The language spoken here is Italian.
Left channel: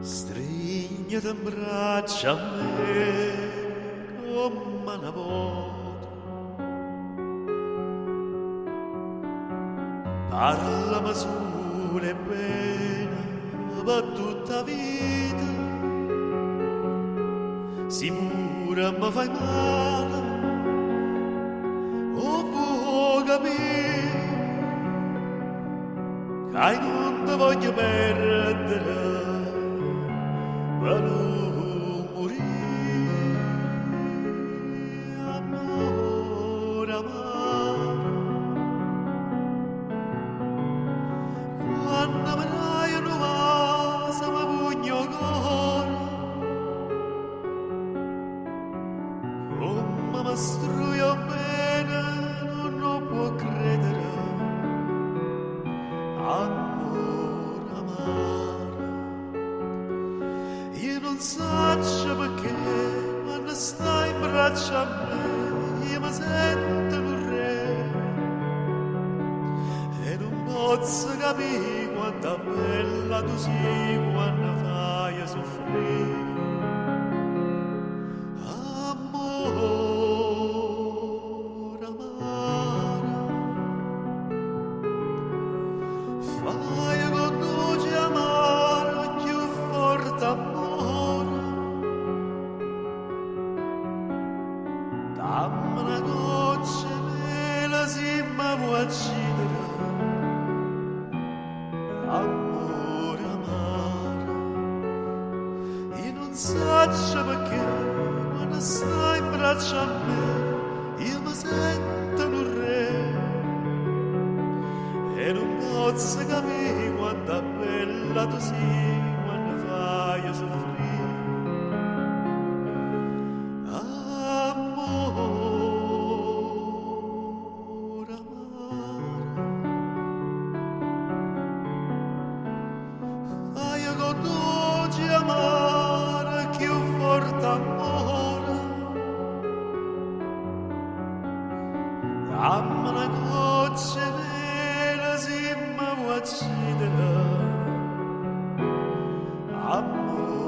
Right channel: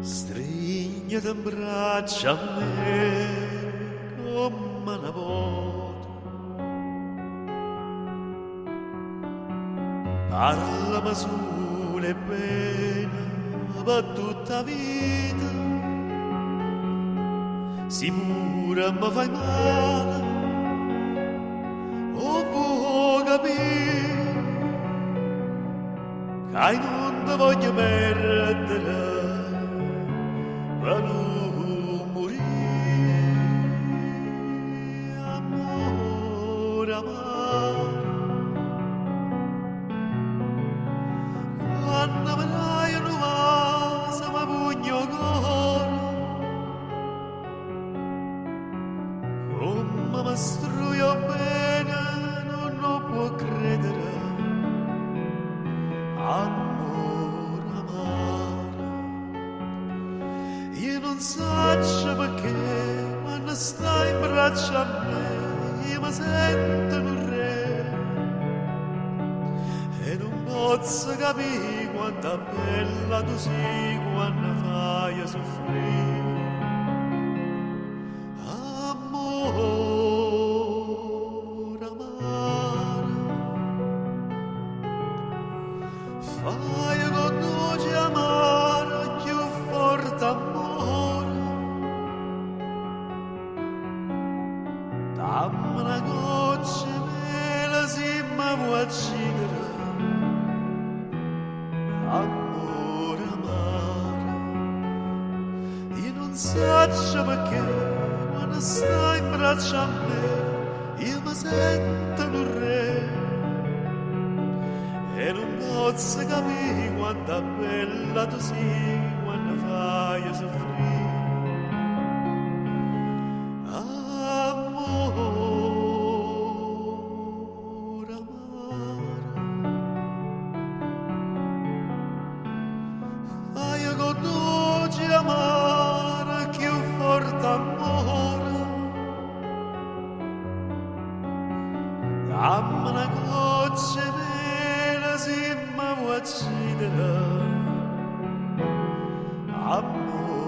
Strignati in braccia a me come una volta. Parlami sole bene per tutta vita. Sicura mi fai male o può capire che non ti voglio perdere per non morire. Amore amaro, quando avrai una vasa mi pugno cuore, come mi struio bene non può credere. Amore amaro, io non so perché quando stai in braccio a me io mi sento un re e non posso capire quanto bella tu sei quando fai soffrire. Amore amaro, fai con dolce amaro più forte amore. Dammi una goccia mela se mi vuoi uccidere. Amore amaro, io non so perché quando stai in braccio a me io mi sento un re e non posso capire quanto bella tu sei quando fai soffrire. Amore amaro, fai con dolce amaro più forte amore. Dammi una goccia mela se mi vuoi uccidere. Amore